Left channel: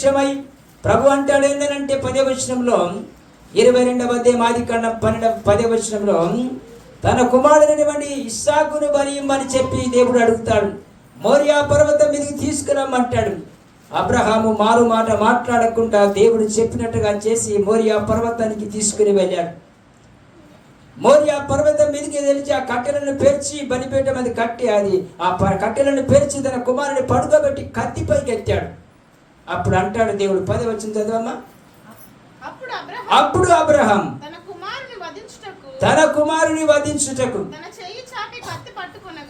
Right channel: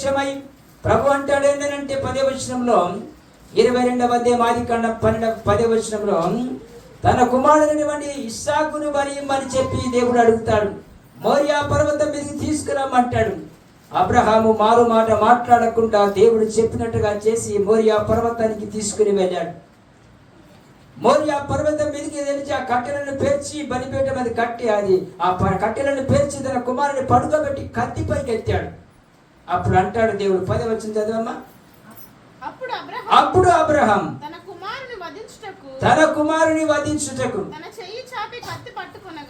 ప్రత్యక్షమై ప్రభు అంటాడు ఏంటంటే 10వ వచనంలో 22వ అధ్యాయం ఆదికాండం 10వ వచనంలో తన కుమారుడైనటువంటి ఇస్సాకును బలియమని చెప్పి దేవుడు అడుగుతాడు. మోరియా పర్వతం మీదకి తీసుకురమ్మంటాడు. అబ్రహాము మారు మాట మాట్లాడకుండా దేవుడు చెప్పినట్టుగా చేసి మోరియా పర్వతానికి తీసుకుని వెళ్ళాడు. మోరియా పర్వతం మీదకి తెలిసి ఆ కట్టెలను పేర్చి బలిపీఠం అది కట్టి ఆ కట్టెలను పేర్చి తన కుమారుని పడుకోబెట్టి కత్తిపైకి ఎత్తాడు. అప్పుడు అంటాడు దేవుడు 10వ వచనం చదవమ్మా. అప్పుడు అబ్రహాం తన కుమారుని వధించుటకు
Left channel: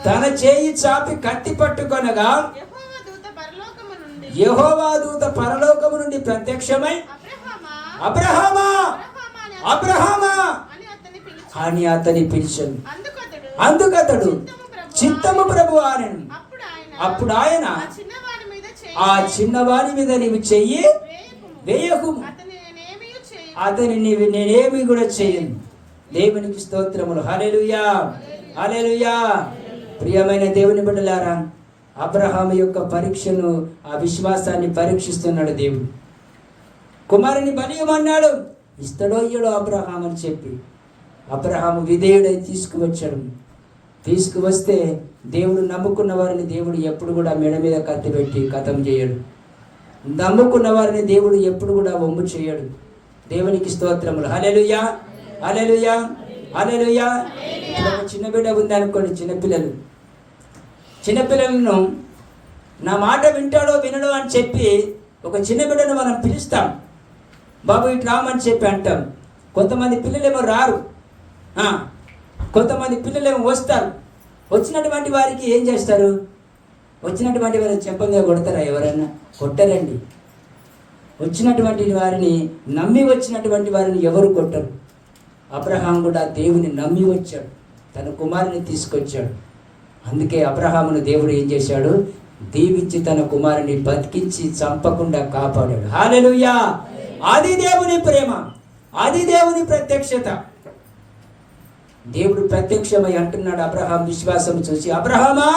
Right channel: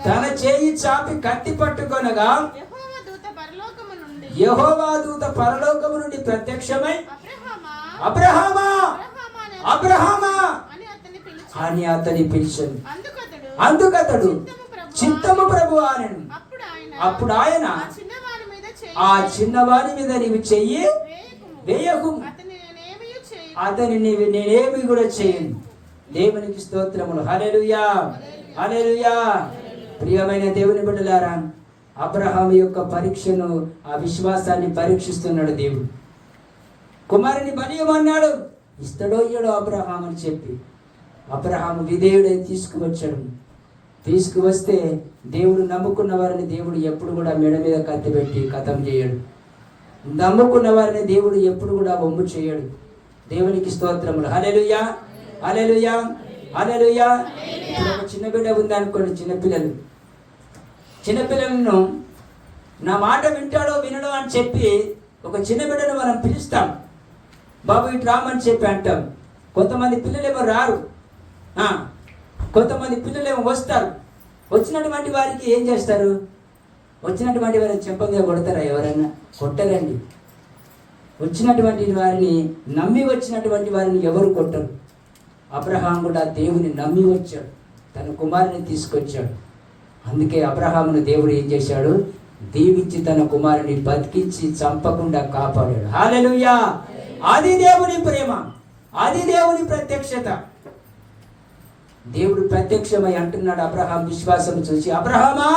తన చేయి చాపి కత్తి పట్టుకొనగా యెహోవా దూత పరలోకము నుండి ప్రత్యక్షమై అబ్రహామా అబ్రహామా అని అతని పిలిచాడు. అందుకతడు చిత్తము ప్రభు అనెను. అప్పుడు ఆయన ఆ చిన్నవాడి మీద నీవు చెయ్యి వేయకు, అతని నేనేమి కూడా చేయను. దేవునికి స్తోత్రములు. హల్లెలూయా హల్లెలూయా. ప్రియమైన దేవుని బిడ్డలారా, అబ్రహాము యొక్క పరీక్షను, ఆ విశ్వాసాన్ని పరీక్షిస్తున్నాడు దేవుడు. కుమారుని బలియమన్నాడు, ఇస్తాడో ఇయ్యడో అబ్రహాము అని చెప్పి అబ్రహాము విధేయుడై తీసుకువచ్చాడు. తీసుకువస్తే దేవుడు నమ్ముకున్న వారిని దేవుడు ఎప్పుడు కూడా మెడ మీద కత్తి పెట్టి కథం చేయడు. నమ్ముకున్న వారిని దేవుడు ఎప్పుడు కూడా వమ్ము చేయడు. దేవునికి స్తోత్రములు. హల్లెలూయా హల్లెలూయా హల్లెలూయా. ఇప్పుడు చిన్న బిడ్డ ఉంది అనుకోండి, చిన్నపిల్లలను నా మాట వింటాడో వినడో అని చెప్పి ఒక చిన్న బిడ్డను మనం పిలుస్తాం. బాబు ఇటు రామని చెప్పి అంటాం. కొంతమంది పిల్లలేమో రారు, కొంతమంది పిల్లలేమో వస్తారు. వచ్చినటువంటి వారికి ఏం చేస్తారు? వచ్చినటువంటి వారిని చెప్పంగా కొడతారా? ఎవరన్నా కొట్టరండి. వచ్చినటువంటి వారిని, నమ్మి వచ్చినటువంటి వారిని ఎవరు కొట్టరు. అబ్రహాం కూడా దేవుని నమ్మి వచ్చాడు, తన కుమారుని తీసుకొచ్చాడు. అందుకే అబ్రహామును దేవుడు ఏం చేశాడు? దీవించి తన కుమారుని బతికించి చంపకుండా కాపాడాడు. హల్లెలూయా. అది దేవుని ప్రేమ, అది దేవుని ప్రత్యక్షత. దేవుడు ప్రత్యక్షమై అంటున్నాడు అబ్రహాం విశ్వాసం చూసి, అబ్రహామా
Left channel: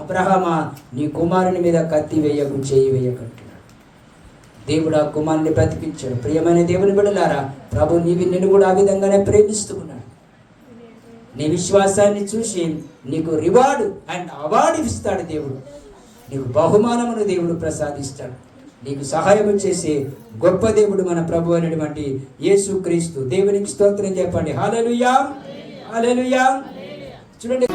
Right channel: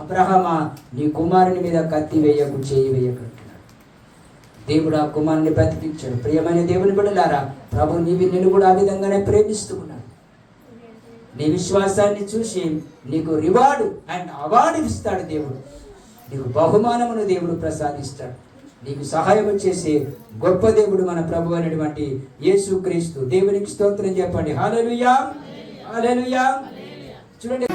అబ్రహామా నీ కుమారుని మీద కత్తి వేయకు, చేయి వేయకు అంటున్నాడు. దేవుడు ఆ కుమారుని బ్రతికించాడు. ప్రియమైన దేవుని బిడ్డలారా, ప్రభు నిన్ను కూడా ఆ విధంగానే ప్రేమిస్తూ ఉన్నాడు. నీ విశ్వాసాన్ని చూసి నీకు రివార్డు అండ్ అవార్డు ఇస్తాడు దేవుడు. నీకు బహుమానమును దేవుడు ప్రసాదిస్తాడు. నీకు సహాయం చేసే గొప్ప దేవుడు మన ప్రభు అనేటువంటి యేసుక్రీస్తు. దేవునికి స్తోత్రం చెప్పండి. హల్లెలూయా హల్లెలూయా. చూడండి.